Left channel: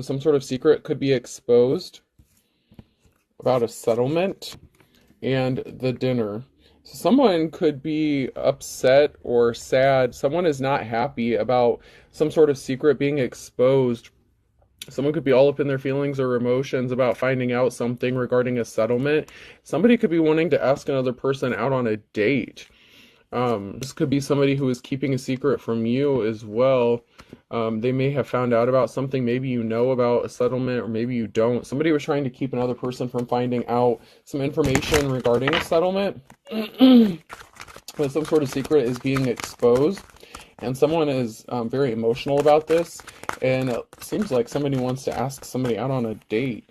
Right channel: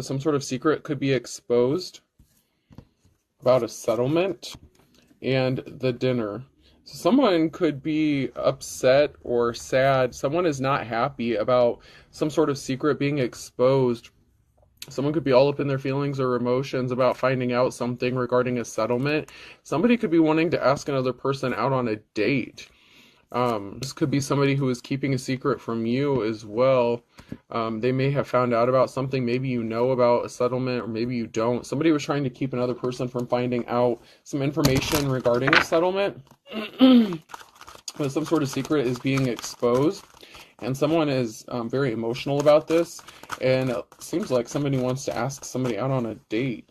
Some sort of secret could be exposed about a settlement and the dinner. Someone could be upset or sad. Someone is not happy about some sort of secret being exposed. Someone could be all up in their feelings or emotions about finding out something regarding a settlement. Somebody could be wanting to ask another person out on a date. This could be somebody who is keeping a secret from you as well. They may have found out about something. Maybe you know about a settlement, or maybe you don't. Somebody was trying to keep another person from finding out some information regarding a settlement. But some sort of secret is being exposed. And someone is very emotional about this. And it seems like somebody wants to ask somebody out on a date.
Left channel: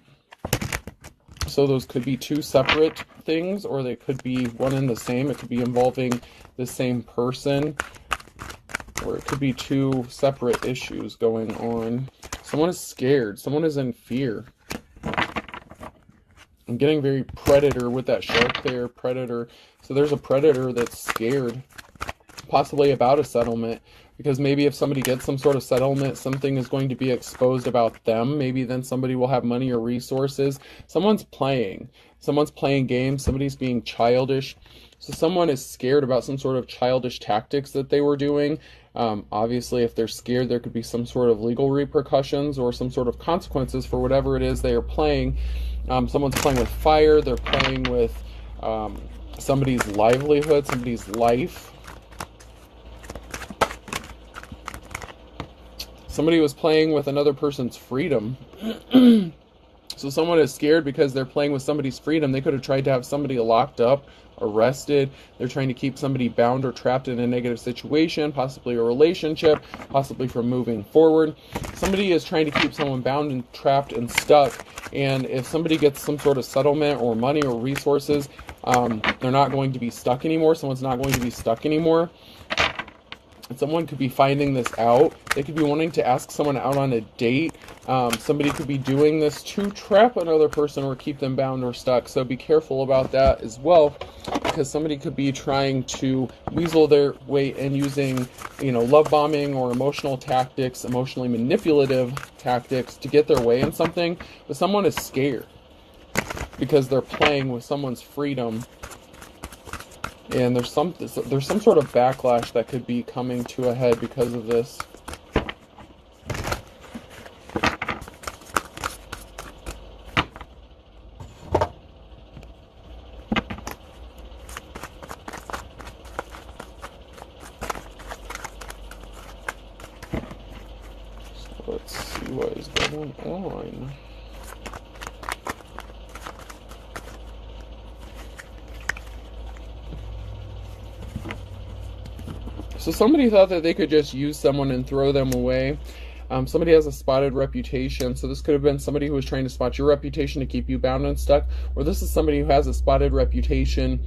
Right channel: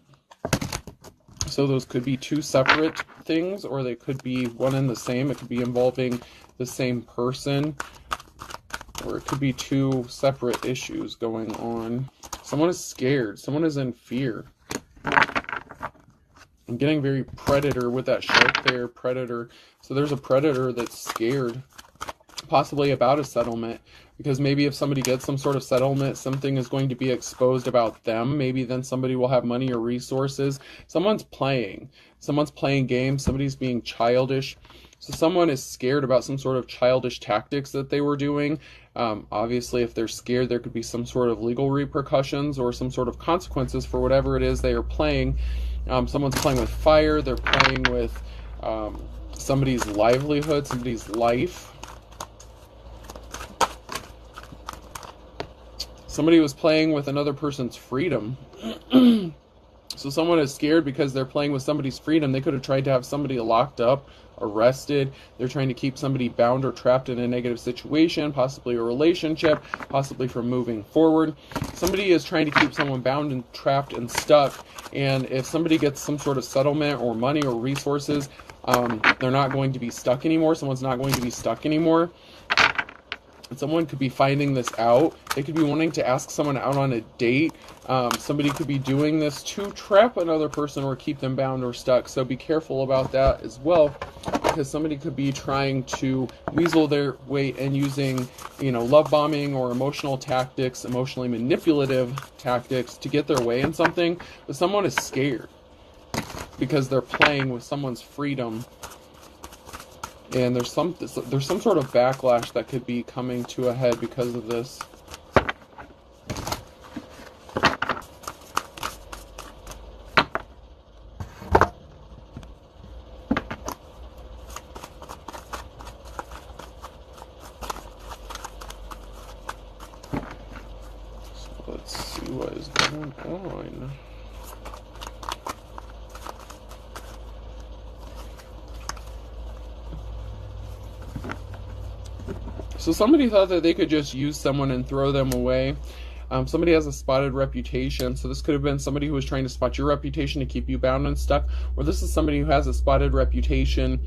So those could be two separate things, or they could be one and the same. It could be involving the same person, or it could be two separate issues going on. Someone is scared. Someone is in fear. I'm getting very predator with that shark there, predator. So there's a predator that's scared, possibly about a settlement, because maybe if somebody gets some sort of settlement, something is going to be exposed about them. Maybe then somebody will have money or resources. Someone's playing games. Somebody's being childish. So someone is scared about some sort of childish tactics that they were doing. Obviously, if they're scared, there could be some sort of legal repercussions or some sort of consequences for whatever it is they are playing. Someone's playing with fire. They're playing with somebody's livelihood, somebody's life. Somebody was playing with another person's freedom. So someone is scared because they're playing with somebody's freedom. They could have tried to have somebody locked up, arrested. They're trying to keep somebody bound or trapped in a negative situation, possibly a relationship, possibly from moving forward. Somebody is trying to keep someone bound and trapped and stuck. And if somebody gets some sort of settlement or money or resources, they're not going to be stuck anymore. Someone's not going to be stuck anymore. And someone could be finding this out. They could be wanting to ask someone out on a date. Somebody could be doing this to trap another person or keep them bound or stuck. So be careful about that as well, because somebody could be trying to weasel their way in using, love bombing or emotional tactics, emotionally manipulative tactics to get their way in something. But someone is scared because they're playing with someone's freedom. And there's some sort of backlash that could be coming to a head because of this. So let's see what is going on. So somebody thought that they could just use someone and throw them away. Somebody has a spotted reputation. So this could have been somebody who was trying to spot your reputation to keep you bound and stuck. Or this is somebody who has a spotted reputation.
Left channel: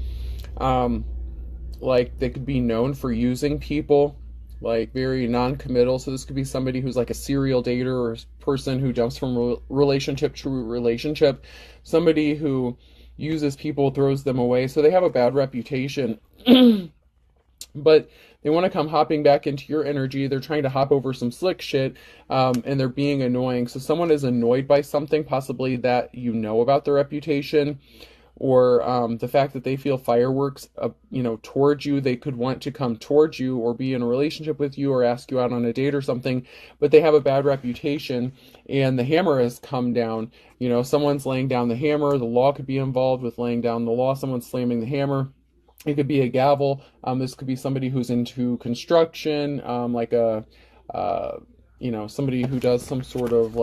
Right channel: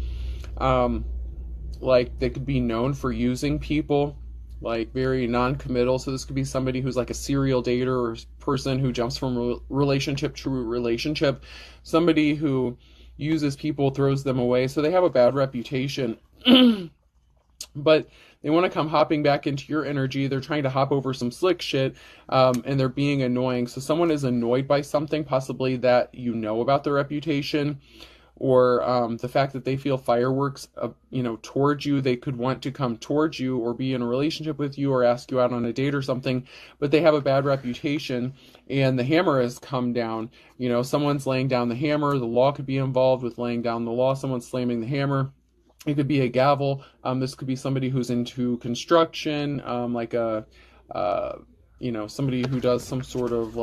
Like they could be known for using people, like very non-committal. So this could be somebody who's like a serial dater or person who jumps from relationship to relationship. Somebody who uses people, throws them away. So they have a bad reputation. But they want to come hopping back into your energy. They're trying to hop over some slick shit, and they're being annoying. So someone is annoyed by something, possibly that you know about their reputation, or the fact that they feel fireworks, towards you. They could want to come towards you or be in a relationship with you or ask you out on a date or something, but they have a bad reputation, and the hammer has come down. Someone's laying down the hammer. The law could be involved with laying down the law. Someone's slamming the hammer. It could be a gavel. This could be somebody who's into construction, somebody who does some sort of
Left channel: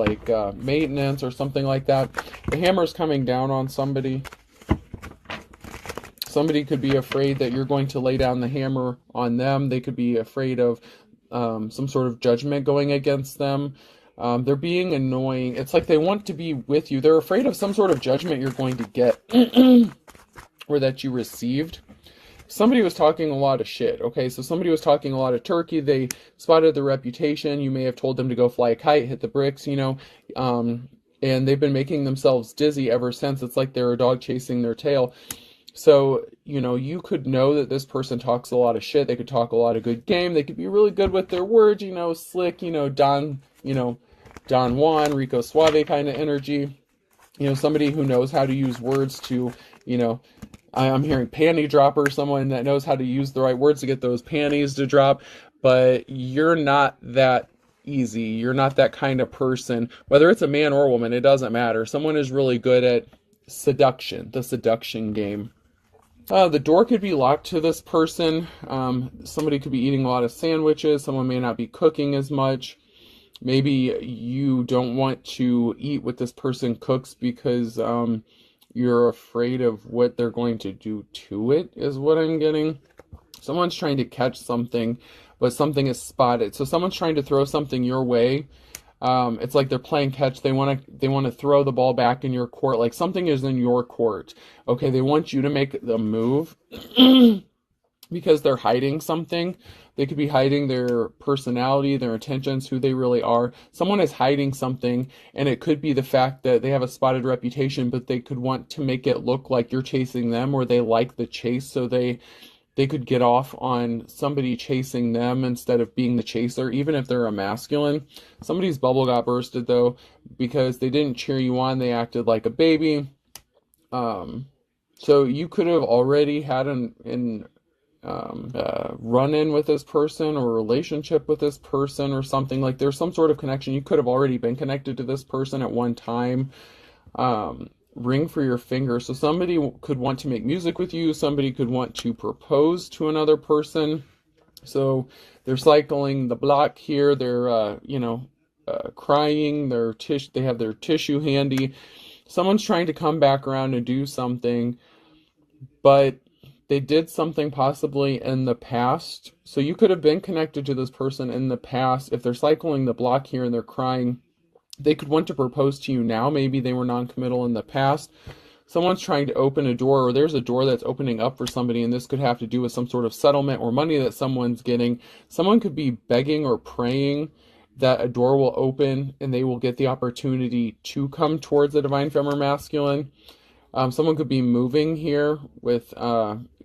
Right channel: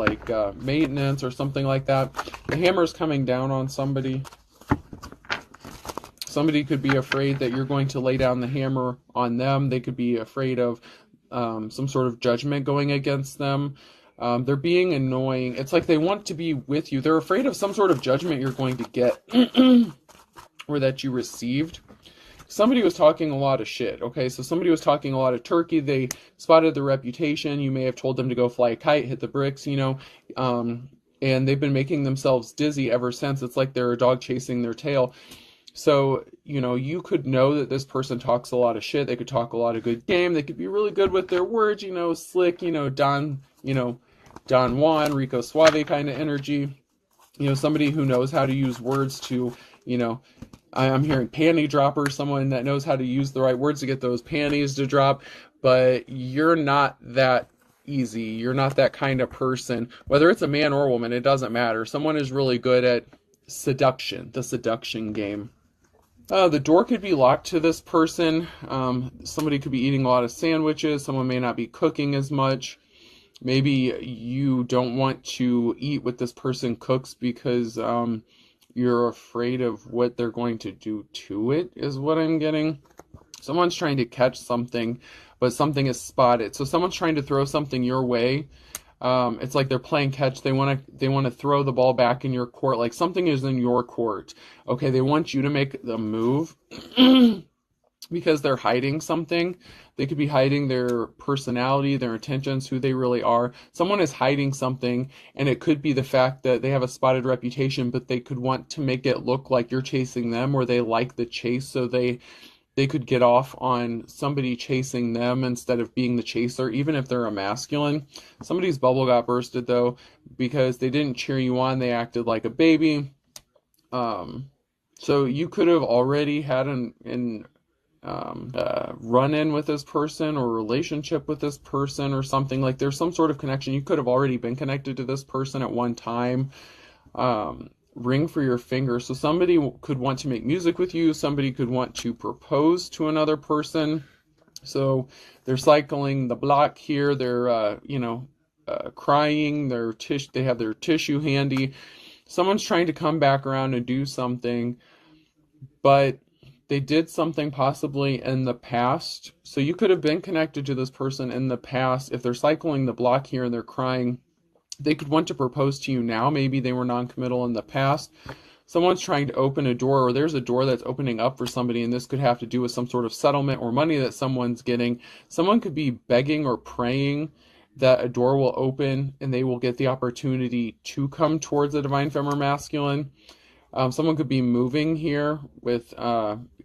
maintenance or something like that. The hammer's coming down on somebody. Somebody could be afraid that you're going to lay down the hammer on them. They could be afraid of some sort of judgment going against them. They're being annoying. It's like they want to be with you. They're afraid of some sort of judgment you're going to get or that you received. Somebody was talking a lot of shit, okay? So somebody was talking a lot of turkey. They spotted the reputation. You may have told them to go fly a kite, hit the bricks, and they've been making themselves dizzy ever since. It's like they're a dog chasing their tail. So, you could know that this person talks a lot of shit. They could talk a lot of good game. They could be really good with their words, slick, Don, Don Juan, Rico Suave kind of energy. You know, somebody who knows how to use words to, you know, I'm hearing panty dropper, someone that knows how to use the right words to get those panties to drop, but you're not that easy. You're not that kind of person. Whether it's a man or a woman, it doesn't matter. Someone is really good at seduction, the seduction game. The door could be locked to this person. Somebody could be eating a lot of sandwiches. Someone may not be cooking as much. Maybe you don't want to eat what this person cooks because you're afraid of what they're going to do to it, is what I'm getting. Someone's trying to catch something, but something is spotted. So someone's trying to throw something your way. It's like they're playing catch. They want to throw the ball back in your court. Like something is in your court. Okay, they want you to make the move because they're hiding something. They could be hiding their personality, their intentions, who they really are. Someone is hiding something, and it could be the fact that they have a spotted reputation, but they could want to make it look like you're chasing them, or they like the chase, so they could get off on somebody chasing them instead of being the chaser, even if they're a masculine. Somebody's bubble got bursted, though, because they didn't cheer you on. They acted like a baby. So you could have already had run-in with this person or relationship with this person or something. Like there's some sort of connection. You could have already been connected to this person at one time. Ring for your finger. So somebody could want to make music with you. Somebody could want to propose to another person. So they're cycling the block here. They're, crying. They have their tissue handy. Someone's trying to come back around and do something, but they did something possibly in the past. So you could have been connected to this person in the past. If they're cycling the block here and they're crying, they could want to propose to you now. Maybe they were non-committal in the past. Someone's trying to open a door, or there's a door that's opening up for somebody, and this could have to do with some sort of settlement or money that someone's getting. Someone could be begging or praying that a door will open and they will get the opportunity to come towards a divine feminine masculine. Someone could be moving here with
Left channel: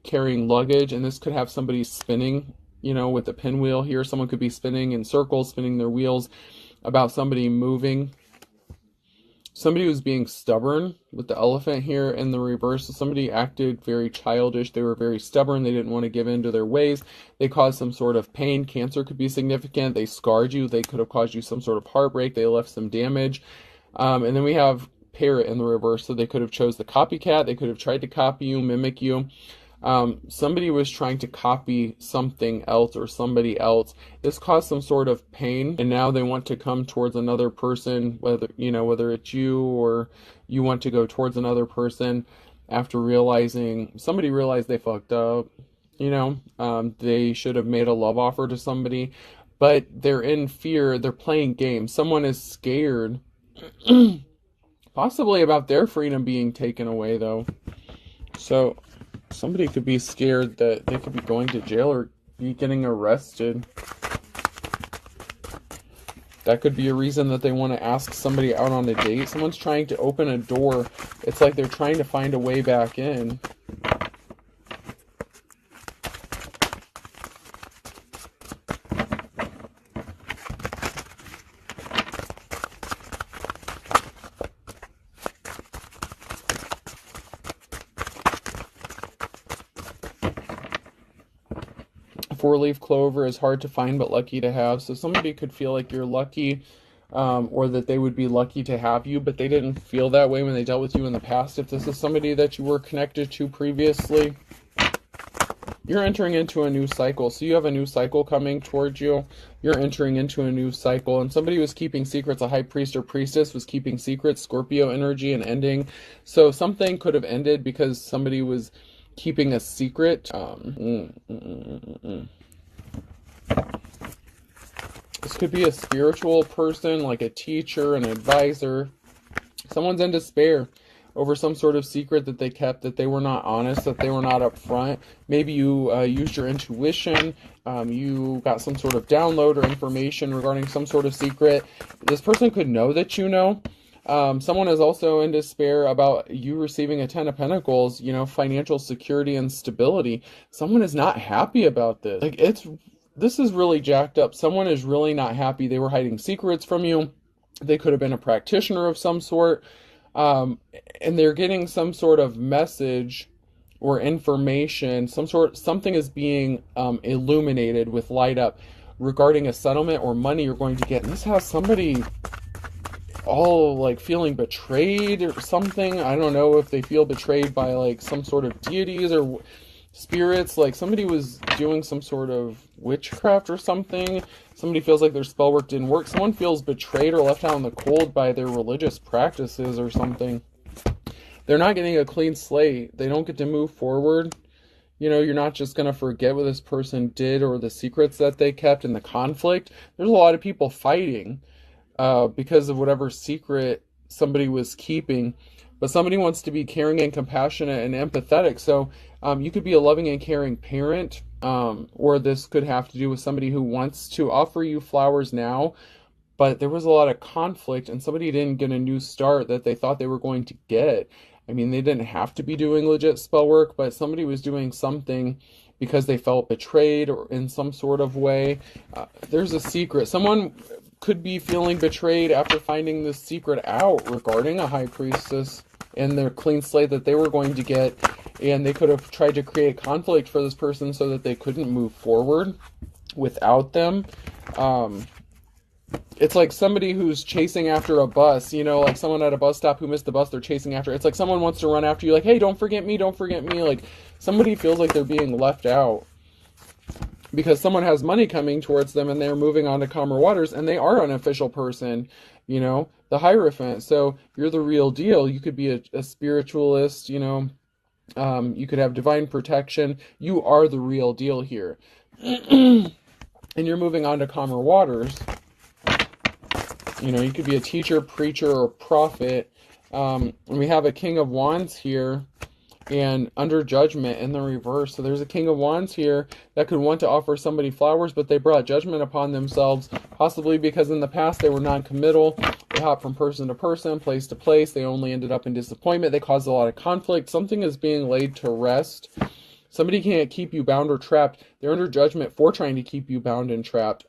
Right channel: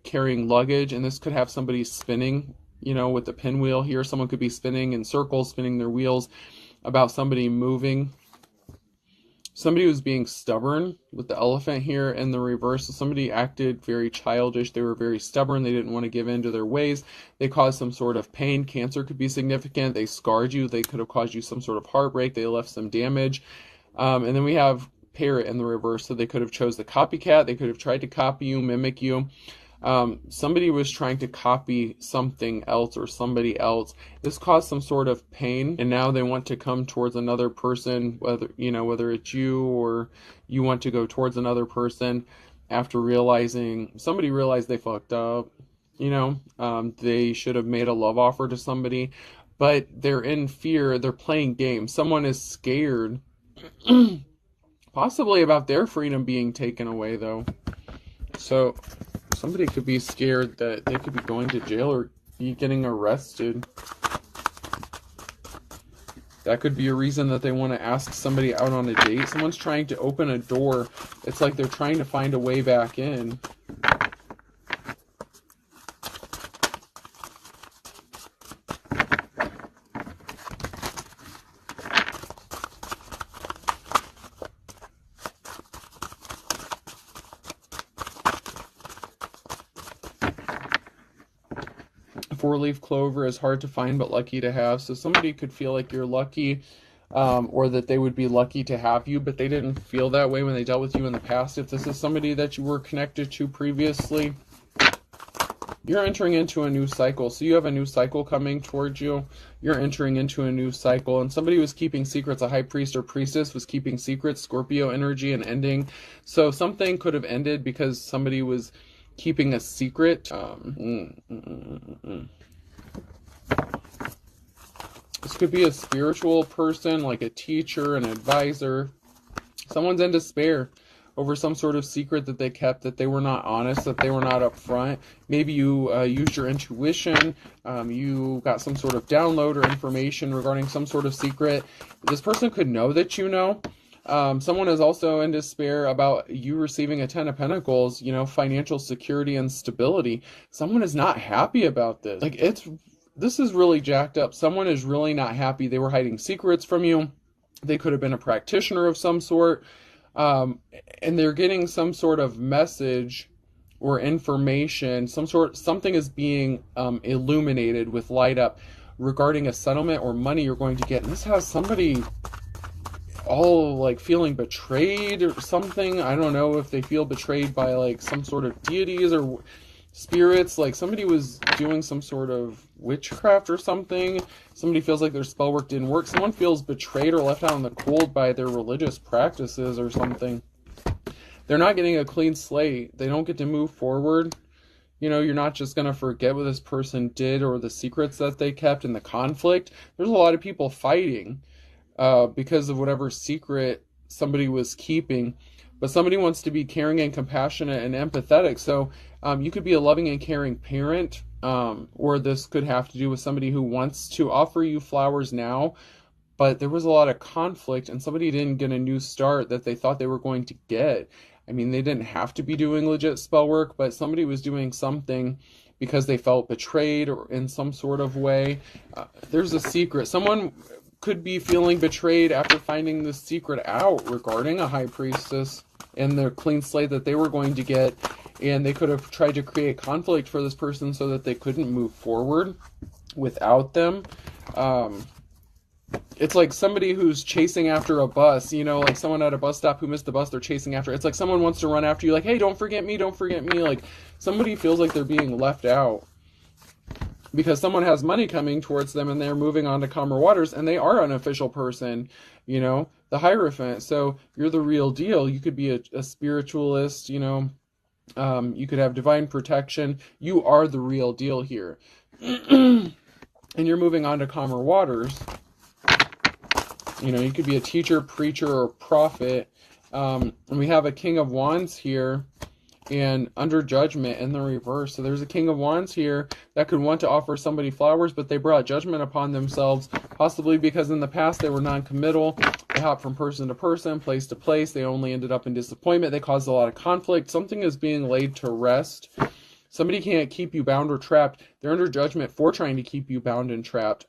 carrying luggage, and this could have somebody spinning, with the pinwheel here. Someone could be spinning in circles, spinning their wheels about somebody moving. Somebody was being stubborn with the elephant here in the reverse. So somebody acted very childish. They were very stubborn. They didn't want to give in to their ways. They caused some sort of pain. Cancer could be significant. They scarred you. They could have caused you some sort of heartbreak. They left some damage. And then we have parrot in the reverse. So they could have chose the copycat. They could have tried to copy you, mimic you. Somebody was trying to copy something else or somebody else. This caused some sort of pain, and now they want to come towards another person, whether it's you or you want to go towards another person after somebody realized they fucked up. They should have made a love offer to somebody, but they're in fear. They're playing games. Someone is scared, possibly about their freedom being taken away, though. So somebody could be scared that they could be going to jail or be getting arrested. That could be a reason that they want to ask somebody out on a date. Someone's trying to open a door. It's like they're trying to find a way back in. Four-leaf clover is hard to find but lucky to have. So somebody could feel like you're lucky, or that they would be lucky to have you, but they didn't feel that way when they dealt with you in the past. If this is somebody that you were connected to previously, you're entering into a new cycle. So you have a new cycle coming towards you. You're entering into a new cycle, and somebody was keeping secrets. A high priest or priestess was keeping secrets. Scorpio energy and ending. So something could have ended because somebody was keeping a secret. This could be a spiritual person, like a teacher, an advisor. Someone's in despair over some sort of secret that they kept, that they were not honest, that they were not upfront. Maybe you used your intuition. You got some sort of download or information regarding some sort of secret. This person could know that you know. Someone is also in despair about you receiving a 10 of Pentacles, financial security and stability. Someone is not happy about this. This is really jacked up. Someone is really not happy. They were hiding secrets from you. They could have been a practitioner of some sort, and they're getting some sort of message or information, something is being illuminated with light up regarding a settlement or money you're going to get. And this has somebody all like feeling betrayed or something. I don't know if they feel betrayed by like some sort of deities or spirits, like somebody was doing some sort of witchcraft or something. Somebody feels like their spell work didn't work. Someone feels betrayed or left out in the cold by their religious practices or something. They're not getting a clean slate. They don't get to move forward. You know, you're not just going to forget what this person did or the secrets that they kept and the conflict. There's a lot of people fighting because of whatever secret somebody was keeping. But somebody wants to be caring and compassionate and empathetic. So you could be a loving and caring parent, or this could have to do with somebody who wants to offer you flowers now, but there was a lot of conflict and somebody didn't get a new start that they thought they were going to get. I mean, they didn't have to be doing legit spell work, but somebody was doing something because they felt betrayed or in some sort of way. There's a secret. Someone could be feeling betrayed after finding this secret out regarding a high priestess and their clean slate that they were going to get. And they could have tried to create conflict for this person so that they couldn't move forward without them. It's like somebody who's chasing after a bus, you know, like someone at a bus stop who missed the bus they're chasing after. It's like someone wants to run after you, like, hey, don't forget me, don't forget me. Like somebody feels like they're being left out because someone has money coming towards them and they're moving on to calmer waters and they are an official person, you know, the Hierophant. So you're the real deal. You could be a spiritualist, you know, you could have divine protection. You are the real deal here. And you're moving on to calmer waters. You know, you could be a teacher, preacher, or prophet. And we have a King of Wands here and under judgment in the reverse. So there's a King of Wands here that could want to offer somebody flowers, but they brought judgment upon themselves, possibly because in the past they were non-committal. They hopped from person to person, place to place. They only ended up in disappointment. They caused a lot of conflict. Something is being laid to rest. Somebody can't keep you bound or trapped. They're under judgment for trying to keep you bound and trapped.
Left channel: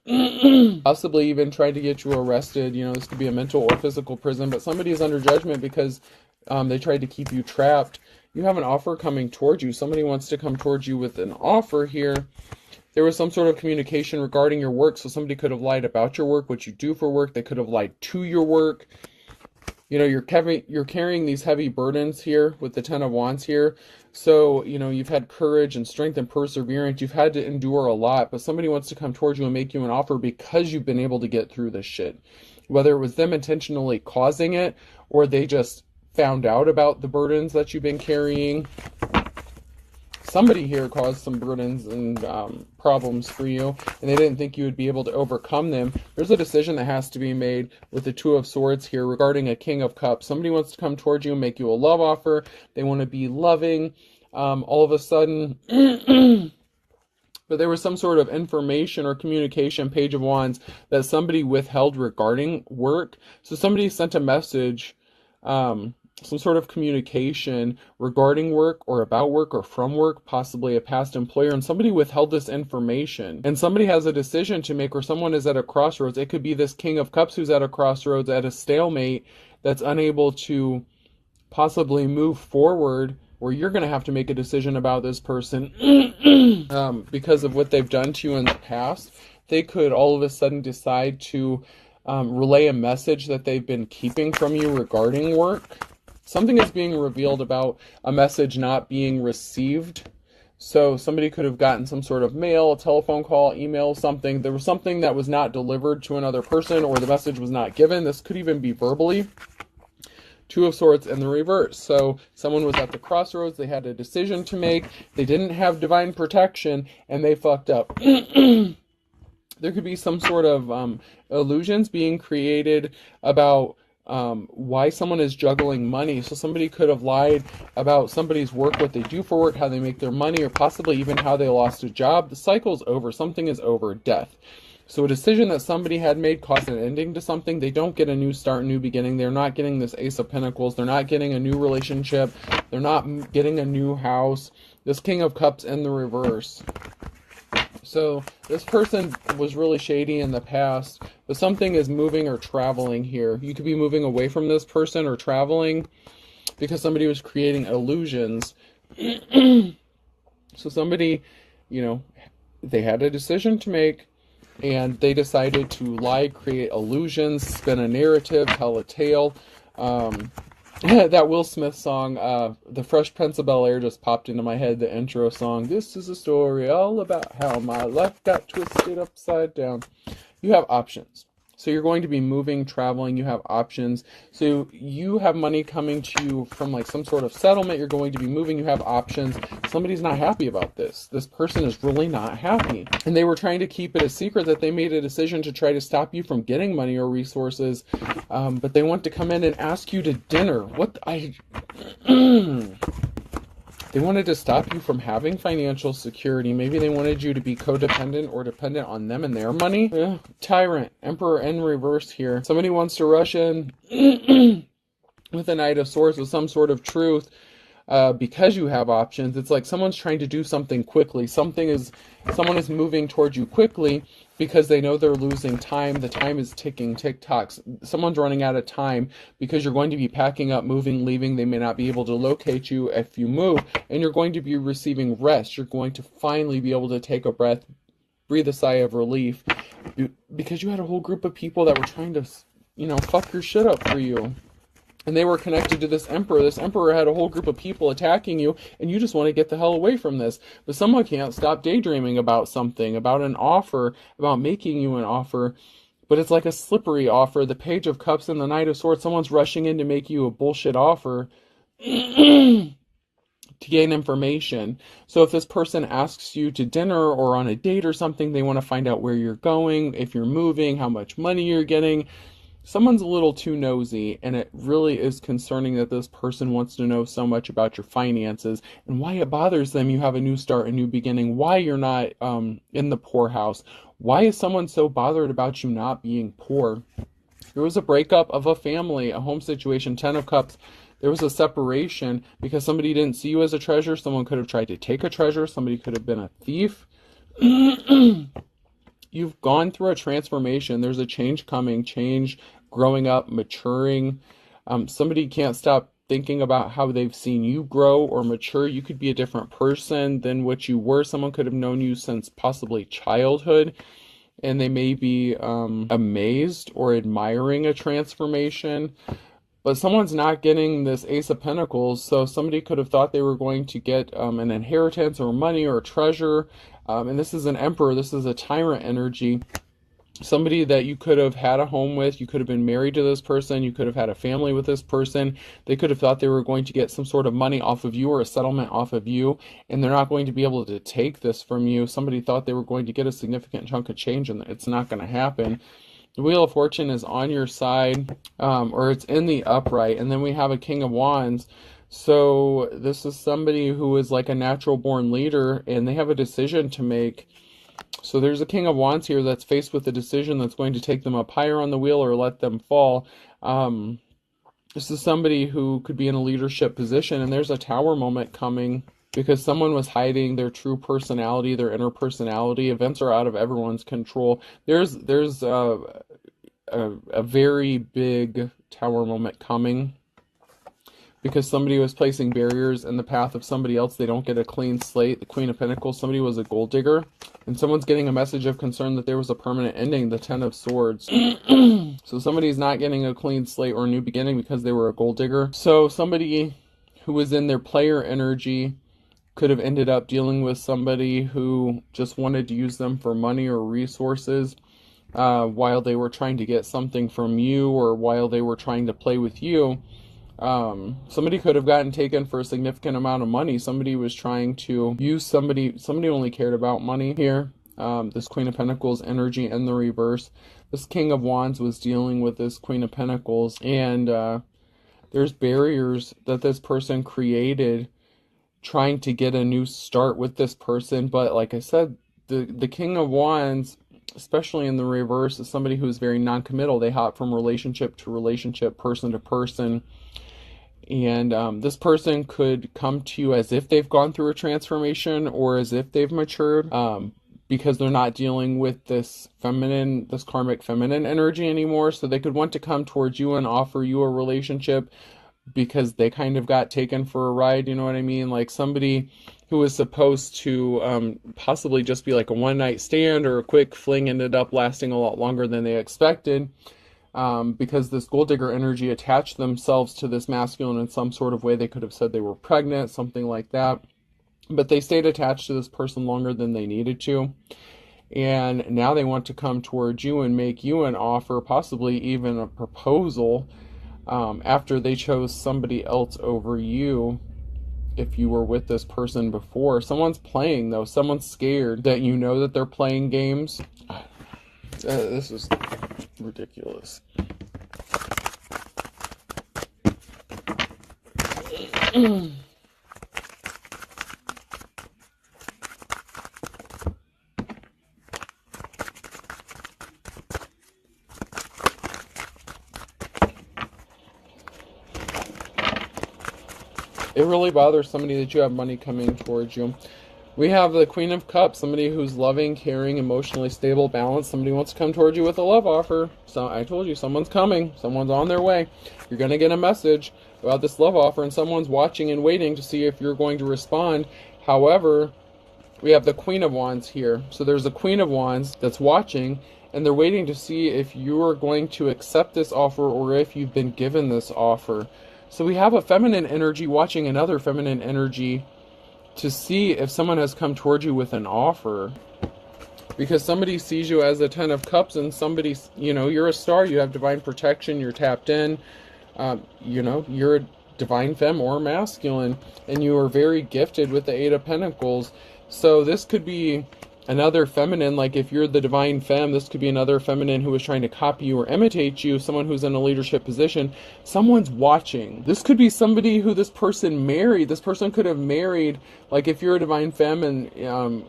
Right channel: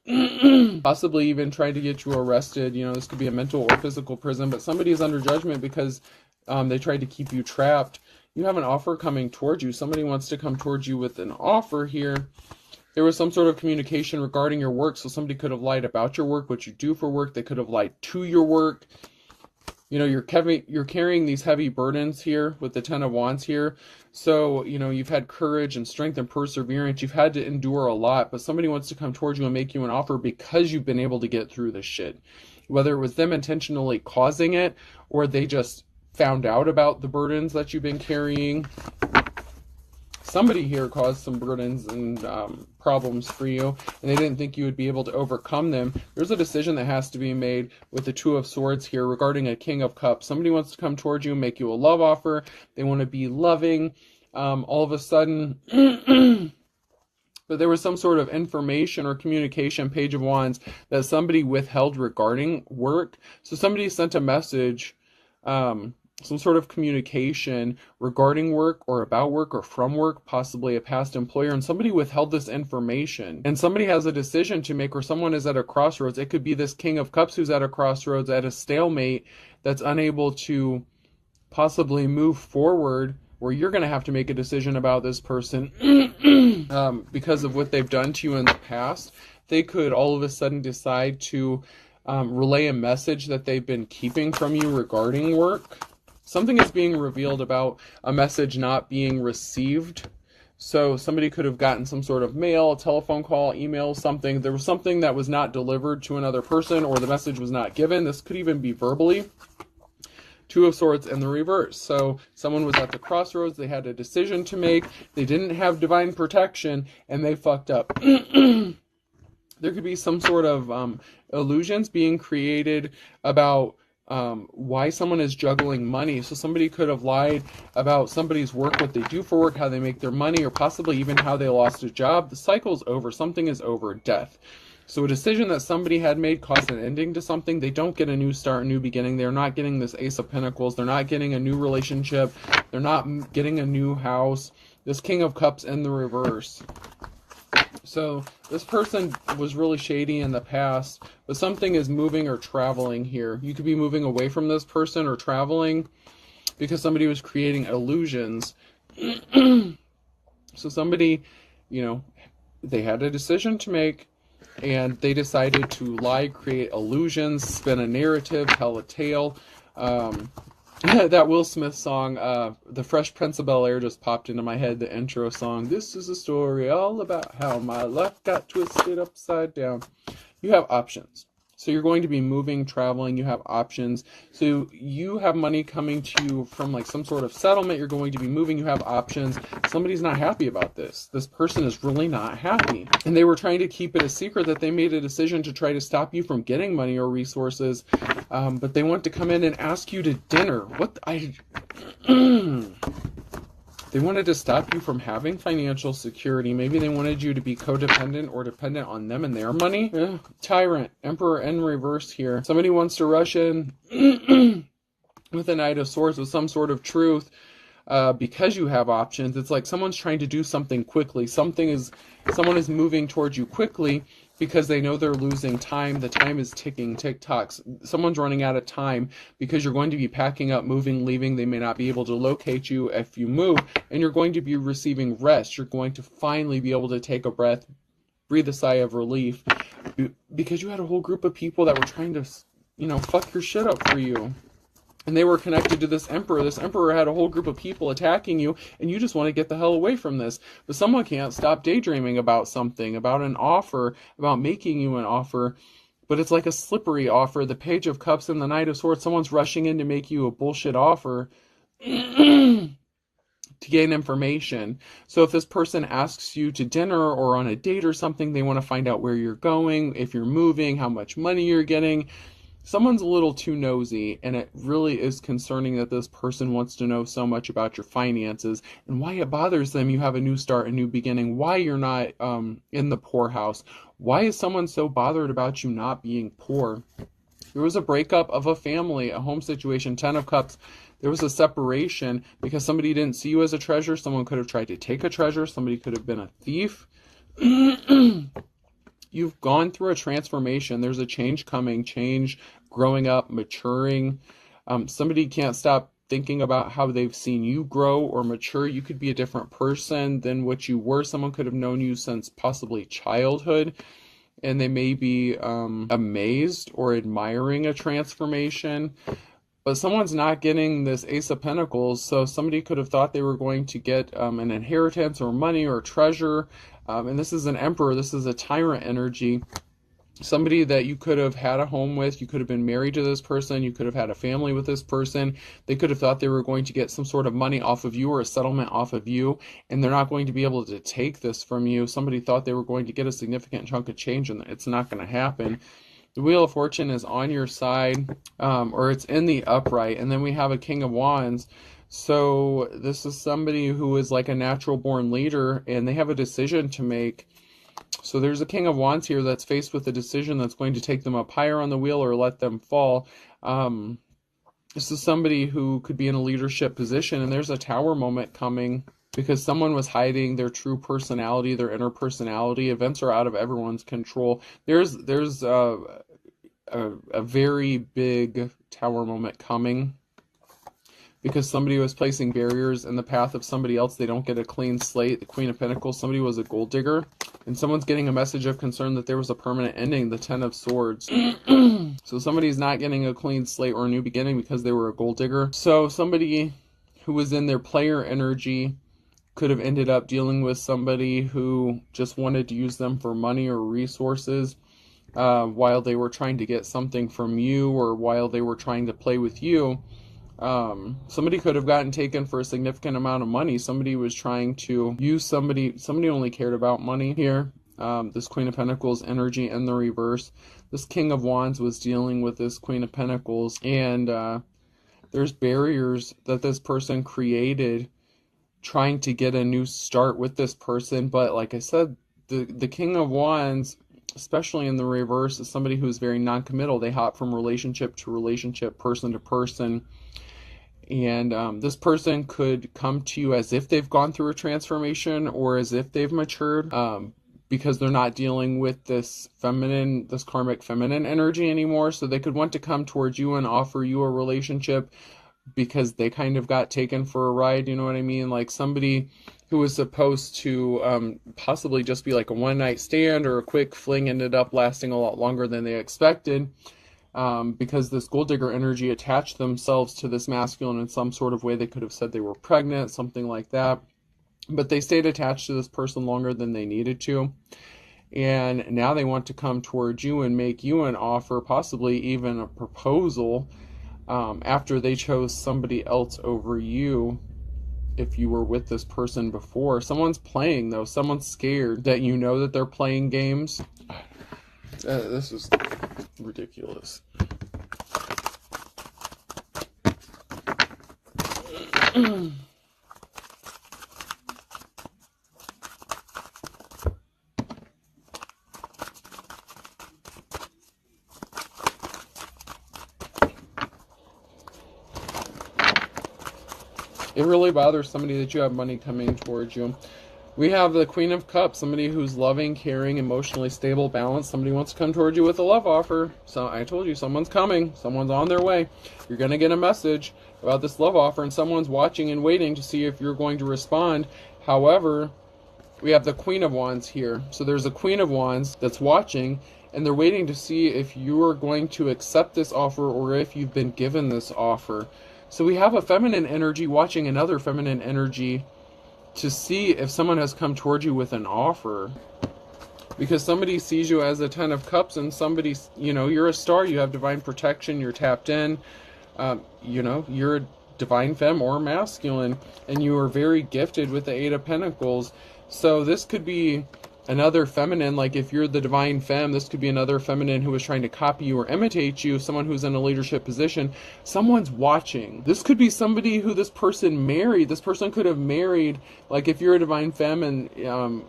Possibly even trying to get you arrested. You know, this could be a mental or physical prison, but somebody is under judgment because they tried to keep you trapped. You have an offer coming towards you. Somebody wants to come towards you with an offer here. There was some sort of communication regarding your work, so somebody could have lied about your work, what you do for work. They could have lied to your work. You know, you're carrying these heavy burdens here with the Ten of Wands here. So, you know, you've had courage and strength and perseverance. You've had to endure a lot, but somebody wants to come towards you and make you an offer because you've been able to get through this shit. Whether it was them intentionally causing it or they just found out about the burdens that you've been carrying. Somebody here caused some burdens and problems for you, and they didn't think you would be able to overcome them. There's a decision that has to be made with the Two of Swords here regarding a King of Cups. Somebody wants to come towards you and make you a love offer. They want to be loving. All of a sudden, but there was some sort of information or communication, Page of Wands, that somebody withheld regarding work. So somebody sent a message, some sort of communication regarding work or about work or from work, possibly a past employer, and somebody withheld this information. And somebody has a decision to make, or someone is at a crossroads. It could be this King of Cups who's at a crossroads, at a stalemate, that's unable to possibly move forward, or you're going to have to make a decision about this person because of what they've done to you in the past. They could all of a sudden decide to relay a message that they've been keeping from you regarding work. Something is being revealed about a message not being received. So somebody could have gotten some sort of mail, a telephone call, email, something. There was something that was not delivered to another person, or the message was not given. This could even be verbally. Two of Swords in the reverse. So someone was at the crossroads. They had a decision to make. They didn't have divine protection, and they fucked up. There could be some sort of illusions being created about why someone is juggling money. So somebody could have lied about somebody's work, what they do for work, how they make their money, or possibly even how they lost a job. The cycle's over. Something is over. Death. So a decision that somebody had made caused an ending to something. They don't get a new start, a new beginning. They're not getting this Ace of Pentacles. They're not getting a new relationship. They're not getting a new house. This King of Cups in the reverse. So this person was really shady in the past, but something is moving or traveling here. You could be moving away from this person or traveling because somebody was creating illusions. So somebody, you know, they had a decision to make, and they decided to lie, create illusions, spin a narrative, tell a tale. That Will Smith song, The Fresh Prince of Bel-Air, just popped into my head, the intro song. This is a story all about how my life got twisted upside down. You have options. So you're going to be moving, traveling, you have options. So you have money coming to you from like some sort of settlement, you're going to be moving, you have options. Somebody's not happy about this. This person is really not happy. And they were trying to keep it a secret that they made a decision to try to stop you from getting money or resources. But they want to come in and ask you to dinner. They wanted to stop you from having financial security. Maybe they wanted you to be codependent or dependent on them and their money. Yeah. Tyrant, Emperor in reverse here. Somebody wants to rush in with the Knight of Swords with some sort of truth because you have options. It's like someone's trying to do something quickly. Someone is moving towards you quickly because they know they're losing time. The time is ticking, tick-tocks. Someone's running out of time because you're going to be packing up, moving, leaving. They may not be able to locate you if you move, and you're going to be receiving rest. You're going to finally be able to take a breath, breathe a sigh of relief, because you had a whole group of people that were trying to, fuck your shit up for you. And they were connected to this emperor. This emperor had a whole group of people attacking you, and you just want to get the hell away from this. But someone can't stop daydreaming about something, about an offer, about making you an offer. But it's like a slippery offer. The Page of Cups and the Knight of Swords. Someone's rushing in to make you a bullshit offer to gain information. So if this person asks you to dinner or on a date or something, they want to find out where you're going, if you're moving, how much money you're getting. Someone's a little too nosy, and it really is concerning that this person wants to know so much about your finances and why it bothers them. You have a new start, a new beginning, why you're not in the poorhouse. Why is someone so bothered about you not being poor? There was a breakup of a family, a home situation, 10 of Cups. There was a separation because somebody didn't see you as a treasure. Someone could have tried to take a treasure. Somebody could have been a thief. You've gone through a transformation. There's a change coming, growing up, maturing. Somebody can't stop thinking about how they've seen you grow or mature. You could be a different person than what you were. Someone could have known you since possibly childhood, and they may be amazed or admiring a transformation. But someone's not getting this Ace of Pentacles, so somebody could have thought they were going to get an inheritance or money or treasure. And this is an Emperor, this is a tyrant energy. Somebody that you could have had a home with, you could have been married to this person, you could have had a family with this person. They could have thought they were going to get some sort of money off of you or a settlement off of you, and they're not going to be able to take this from you. Somebody thought they were going to get a significant chunk of change, and it's not going to happen. The Wheel of Fortune is on your side, or it's in the upright, and then we have a King of Wands. So this is somebody who is like a natural born leader, and they have a decision to make. So there's a King of Wands here that's faced with a decision that's going to take them up higher on the wheel or let them fall. This is somebody who could be in a leadership position, and there's a Tower moment coming because someone was hiding their true personality, their inner personality. Events are out of everyone's control. There's a very big Tower moment coming because somebody was placing barriers in the path of somebody else. They don't get a clean slate. The Queen of Pentacles, somebody was a gold digger, and someone's getting a message of concern that there was a permanent ending, the Ten of Swords. So somebody's not getting a clean slate or a new beginning because they were a gold digger. So somebody who was in their player energy could have ended up dealing with somebody who just wanted to use them for money or resources while they were trying to get something from you, or while they were trying to play with you. Somebody could have gotten taken for a significant amount of money. Somebody was trying to use somebody only cared about money here. This Queen of Pentacles energy in the reverse. This King of Wands was dealing with this Queen of Pentacles, and there's barriers that this person created trying to get a new start with this person. But like I said, the King of Wands, especially in the reverse, is somebody who's very non-committal. They hop from relationship to relationship, person to person. And this person could come to you as if they've gone through a transformation or as if they've matured. because they're not dealing with this karmic feminine energy anymore. So they could want to come towards you and offer you a relationship because they kind of got taken for a ride, you know what I mean? Like somebody who was supposed to possibly just be like a one-night stand or a quick fling ended up lasting a lot longer than they expected, because this gold digger energy attached themselves to this masculine in some sort of way. They could have said they were pregnant, something like that, but they stayed attached to this person longer than they needed to. And now they want to come towards you and make you an offer, possibly even a proposal, after they chose somebody else over you. If you were with this person before, someone's playing though. Someone's scared that you know that they're playing games. This is ridiculous. It really bothers somebody that you have money coming towards you. We have the Queen of Cups, somebody who's loving, caring, emotionally stable, balanced. Somebody wants to come towards you with a love offer. So I told you, someone's coming. Someone's on their way. You're going to get a message about this love offer, and someone's watching and waiting to see if you're going to respond. However, we have the Queen of Wands here. So there's a Queen of Wands that's watching, and they're waiting to see if you're going to accept this offer or if you've been given this offer. So we have a feminine energy watching another feminine energy to see if someone has come towards you with an offer. Because somebody sees you as a 10 of Cups, and somebody, you know, you're a star, you have divine protection, you're tapped in, you know, you're a divine femme or masculine, and you are very gifted with the 8 of Pentacles. So this could be another feminine, like if you're the divine femme, this could be another feminine who is trying to copy you or imitate you, someone who's in a leadership position. Someone's watching. This could be somebody who this person married. This person could have married, like if you're a divine femme and,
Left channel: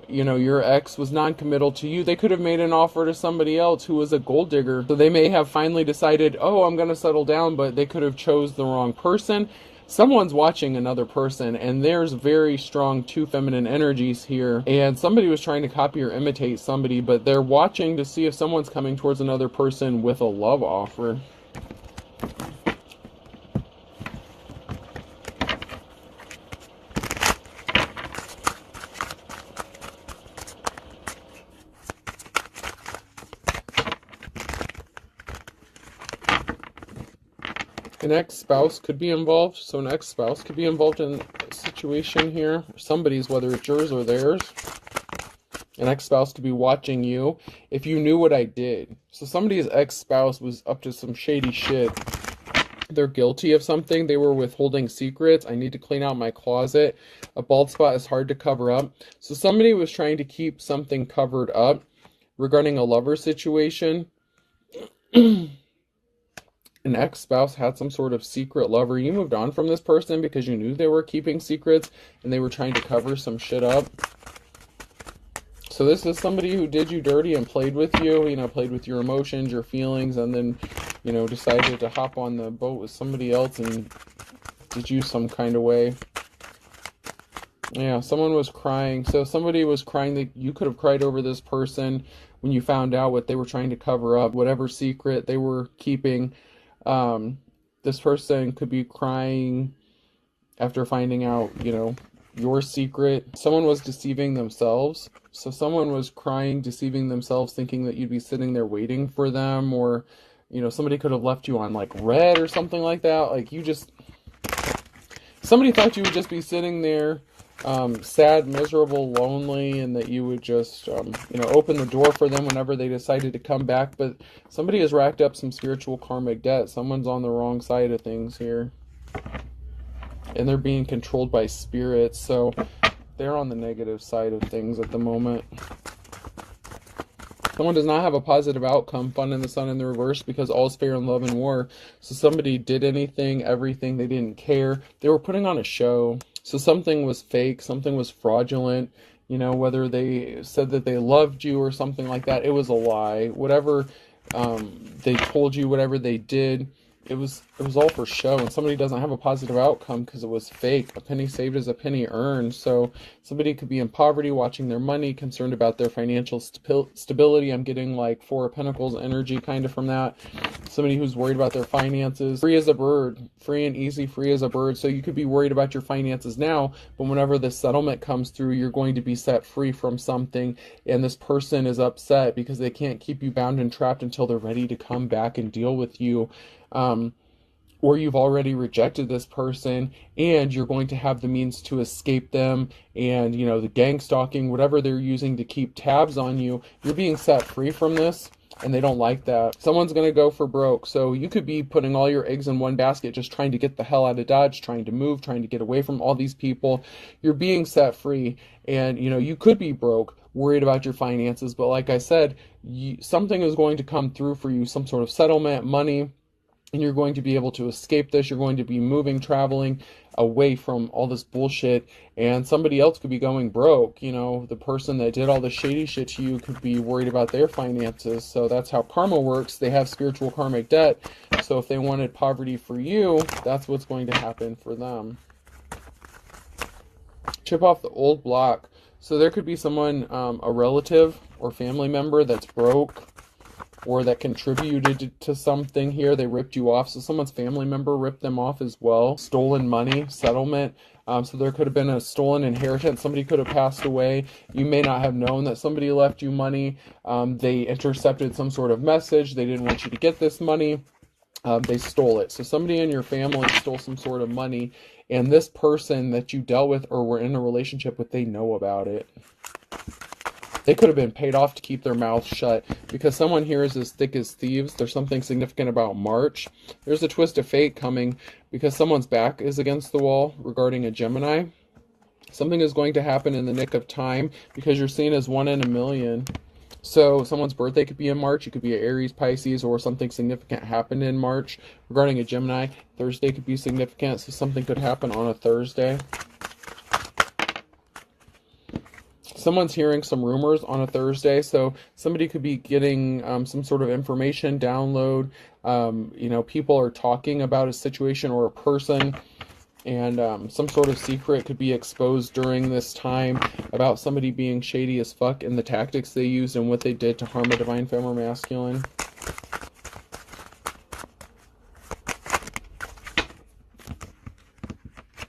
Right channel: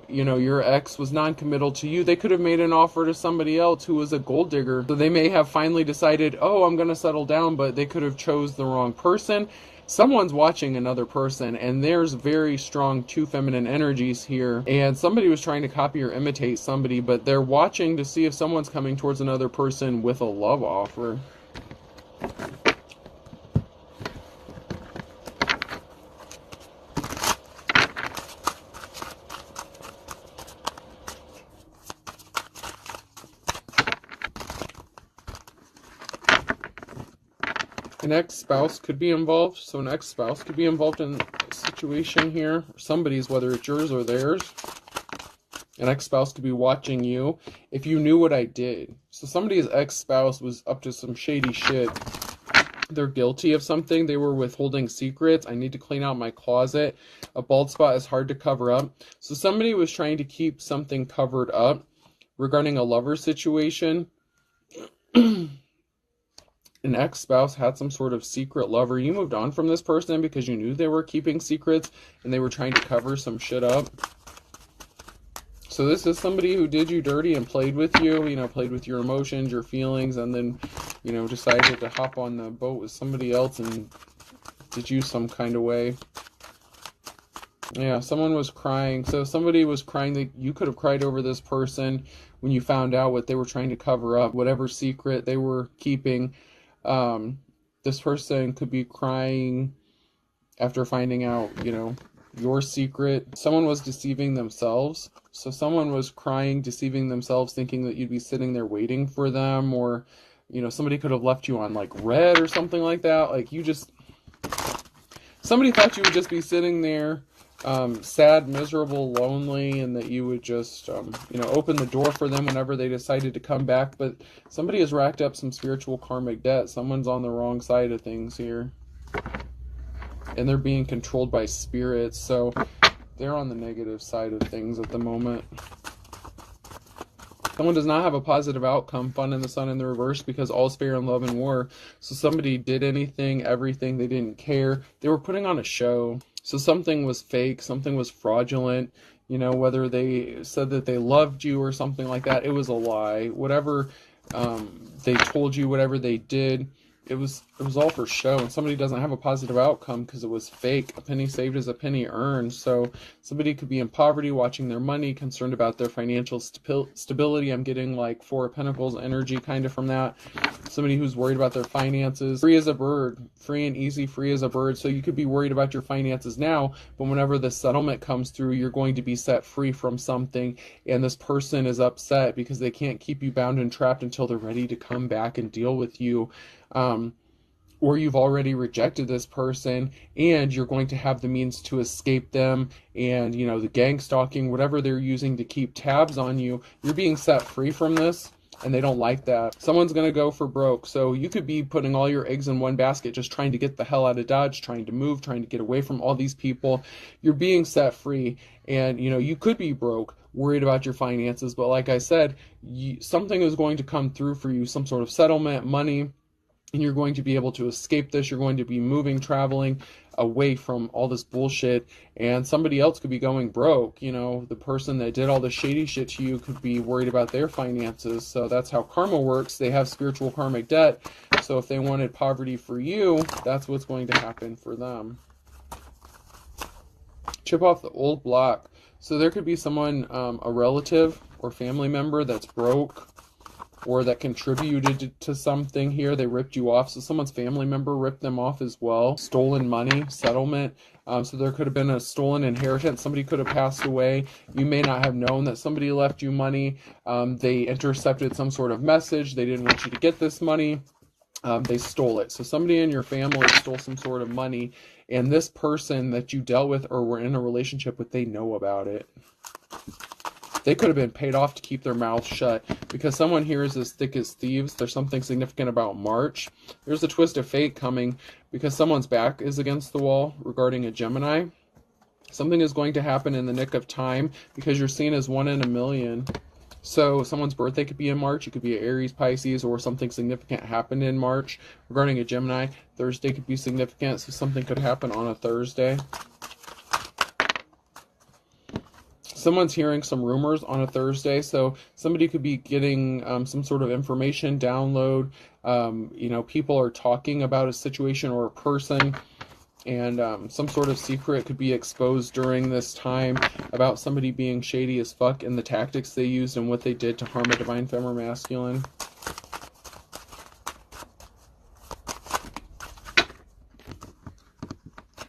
you know, your ex was non-committal to you, they could have made an offer to somebody else who was a gold digger. So they may have finally decided, oh, I'm going to settle down, but they could have chose the wrong person. Someone's watching another person, and there's very strong 2 feminine energies here, and somebody was trying to copy or imitate somebody, but they're watching to see if someone's coming towards another person with a love offer. An ex-spouse could be involved. So an ex-spouse could be involved in a situation here. Somebody's, whether it's yours or theirs. An ex-spouse could be watching you. If you knew what I did. So somebody's ex-spouse was up to some shady shit. They're guilty of something. They were withholding secrets. I need to clean out my closet. A bald spot is hard to cover up. So somebody was trying to keep something covered up regarding a lover situation. An ex-spouse had some sort of secret lover. You moved on from this person because you knew they were keeping secrets and they were trying to cover some shit up. So this is somebody who did you dirty and played with you, you know, played with your emotions, your feelings, and then, you know, decided to hop on the boat with somebody else and did you some kind of way. Yeah, someone was crying. So somebody was crying that you could have cried over this person when you found out what they were trying to cover up, whatever secret they were keeping. This person could be crying after finding out, you know, your secret. Someone was deceiving themselves. So someone was crying, deceiving themselves, thinking that you'd be sitting there waiting for them, or, you know, somebody could have left you on like red or something like that. Like somebody thought you would just be sitting there, sad, miserable, lonely, and that you would just, you know, open the door for them whenever they decided to come back. But somebody has racked up some spiritual karmic debt. Someone's on the wrong side of things here. And they're being controlled by spirits. So they're on the negative side of things at the moment. Someone does not have a positive outcome. Fun in the Sun in the reverse, because all's fair in love and war. So somebody did anything, everything. They didn't care. They were putting on a show. So something was fake, something was fraudulent, you know, whether they said that they loved you or something like that, it was a lie. Whatever they told you, whatever they did, it was all for show, and somebody doesn't have a positive outcome because it was fake. A penny saved is a penny earned. So somebody could be in poverty, watching their money, concerned about their financial stability. I'm getting like Four of Pentacles energy kind of from that. Somebody who's worried about their finances. Free as a bird, free and easy, free as a bird. So you could be worried about your finances now, but whenever the settlement comes through, you're going to be set free from something, and this person is upset because they can't keep you bound and trapped until they're ready to come back and deal with you. Or you've already rejected this person and you're going to have the means to escape them, and you know, the gang stalking, whatever they're using to keep tabs on you, you're being set free from this, and they don't like that. Someone's going to go for broke. So you could be putting all your eggs in one basket, just trying to get the hell out of Dodge, trying to move, trying to get away from all these people. You're being set free, and you know, you could be broke, worried about your finances, but like I said, something is going to come through for you, some sort of settlement, money, and you're going to be able to escape this. You're going to be moving, traveling away from all this bullshit, and somebody else could be going broke. You know, the person that did all the shady shit to you could be worried about their finances. So that's how karma works. They have spiritual karmic debt. So if they wanted poverty for you, that's what's going to happen for them. Chip off the old block. So there could be someone, a relative or family member that's broke, or that contributed to something here. They ripped you off. So someone's family member ripped them off as well. Stolen money, settlement. So there could have been a stolen inheritance. Somebody could have passed away. You may not have known that somebody left you money. They intercepted some sort of message. They didn't want you to get this money. They stole it. So somebody in your family stole some sort of money, and this person that you dealt with or were in a relationship with, they know about it. They could have been paid off to keep their mouth shut, because someone here is as thick as thieves. There's something significant about March. There's a twist of fate coming because someone's back is against the wall regarding a Gemini. Something is going to happen in the nick of time because you're seen as 1 in a million. So someone's birthday could be in March. It could be an Aries, Pisces, or something significant happened in March regarding a Gemini. Thursday could be significant, so something could happen on a Thursday. Someone's hearing some rumors on a Thursday, so somebody could be getting some sort of information, download. You know, people are talking about a situation or a person, and some sort of secret could be exposed during this time about somebody being shady as fuck and the tactics they used and what they did to harm a divine femme or masculine.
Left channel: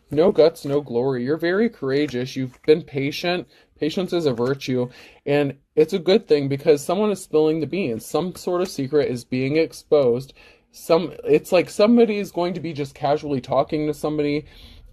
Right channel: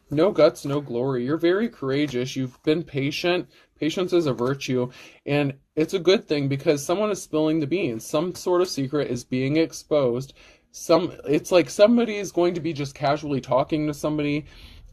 No guts, no glory. You're very courageous. You've been patient. Patience is a virtue, and it's a good thing because someone is spilling the beans. Some sort of secret is being exposed. It's like somebody is going to be just casually talking to somebody,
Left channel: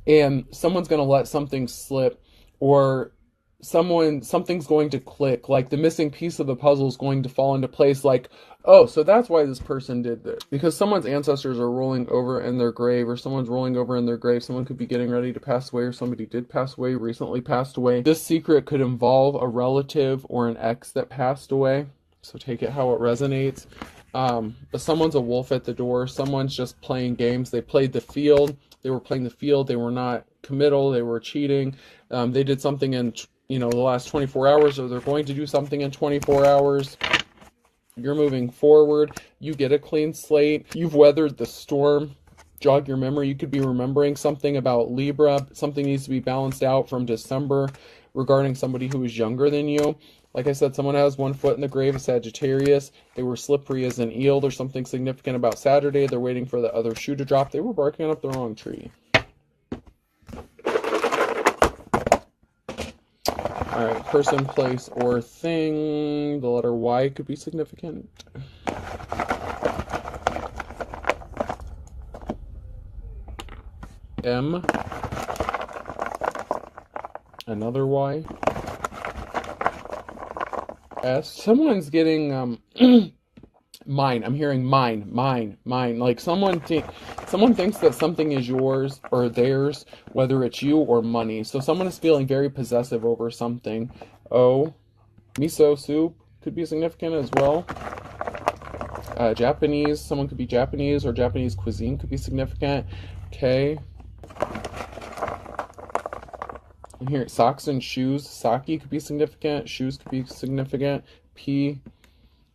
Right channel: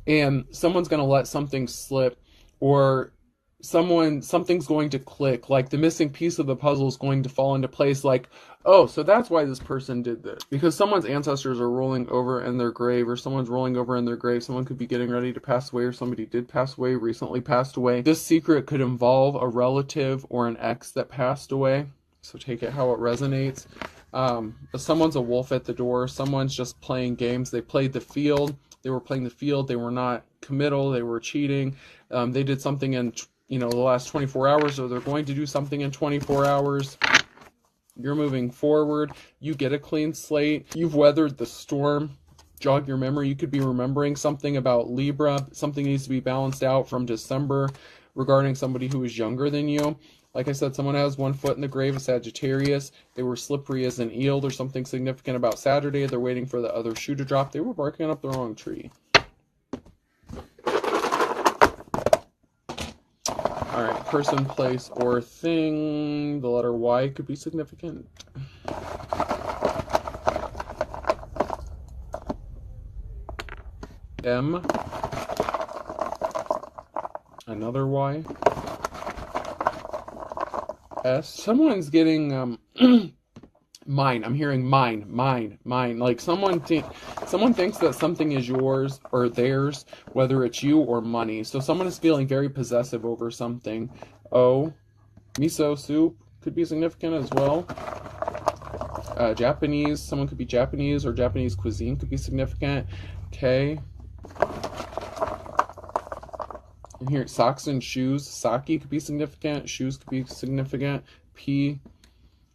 and someone's going to let something slip, or something's going to click, like the missing piece of the puzzle is going to fall into place, like, oh, so that's why this person did this, because someone's ancestors are rolling over in their grave, or someone's rolling over in their grave. Someone could be getting ready to pass away, or somebody did pass away, recently passed away. This secret could involve a relative or an ex that passed away, so take it how it resonates. But someone's a wolf at the door. Someone's just playing games. They played the field. They were playing the field. They were not committal. They were cheating. They did something in the last 24 hours, or they're going to do something in 24 hours. You're moving forward. You get a clean slate. You've weathered the storm. Jog your memory. You could be remembering something about Libra. Something needs to be balanced out from December regarding somebody who is younger than you. Like I said, someone has 1 foot in the grave of Sagittarius. They were slippery as an eel. There's something significant about Saturday. They're waiting for the other shoe to drop. They were barking up the wrong tree. All right, person, place, or thing. The letter Y could be significant. M. Another Y. S. Someone's getting mine. I'm hearing mine. Like someone thinks that something is yours or theirs, whether it's you or money. So someone is feeling very possessive over something. O. Miso soup could be significant as well. Japanese. Someone could be Japanese, or Japanese cuisine could be significant. K. And here, socks and shoes. Sake could be significant. Shoes could be significant. P.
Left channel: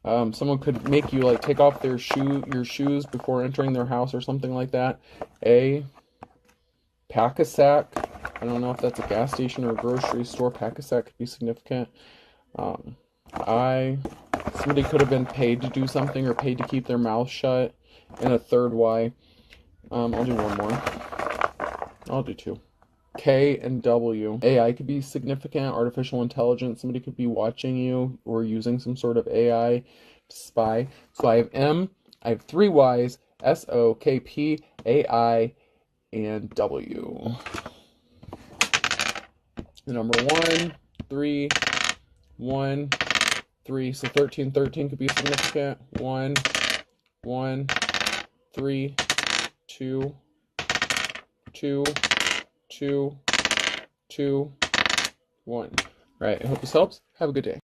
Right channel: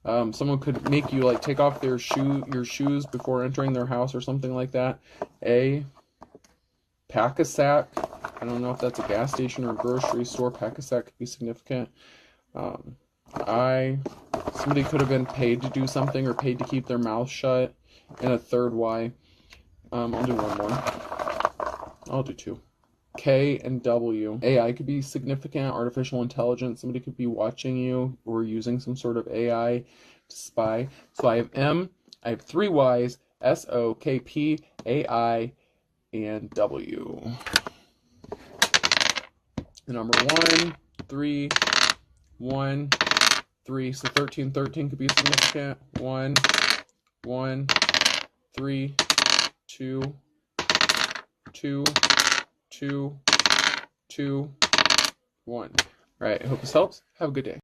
Someone could make you like take off your shoes before entering their house or something like that. A, pack a sack. I don't know if that's a gas station or a grocery store. Pack a sack could be significant. Somebody could have been paid to do something or paid to keep their mouth shut. And a third Y. I'll do one more. I'll do two. K and W. AI could be significant, artificial intelligence. Somebody could be watching you or using some sort of AI to spy. So I have M, I have three Y's, S, O, K, P, A, I, and W. The number 1, 3, 1, 3. So 13, 13 could be significant. 1, 1, 3, 2, 2, 2, 2, 1. All right, I hope this helps. Have a good day.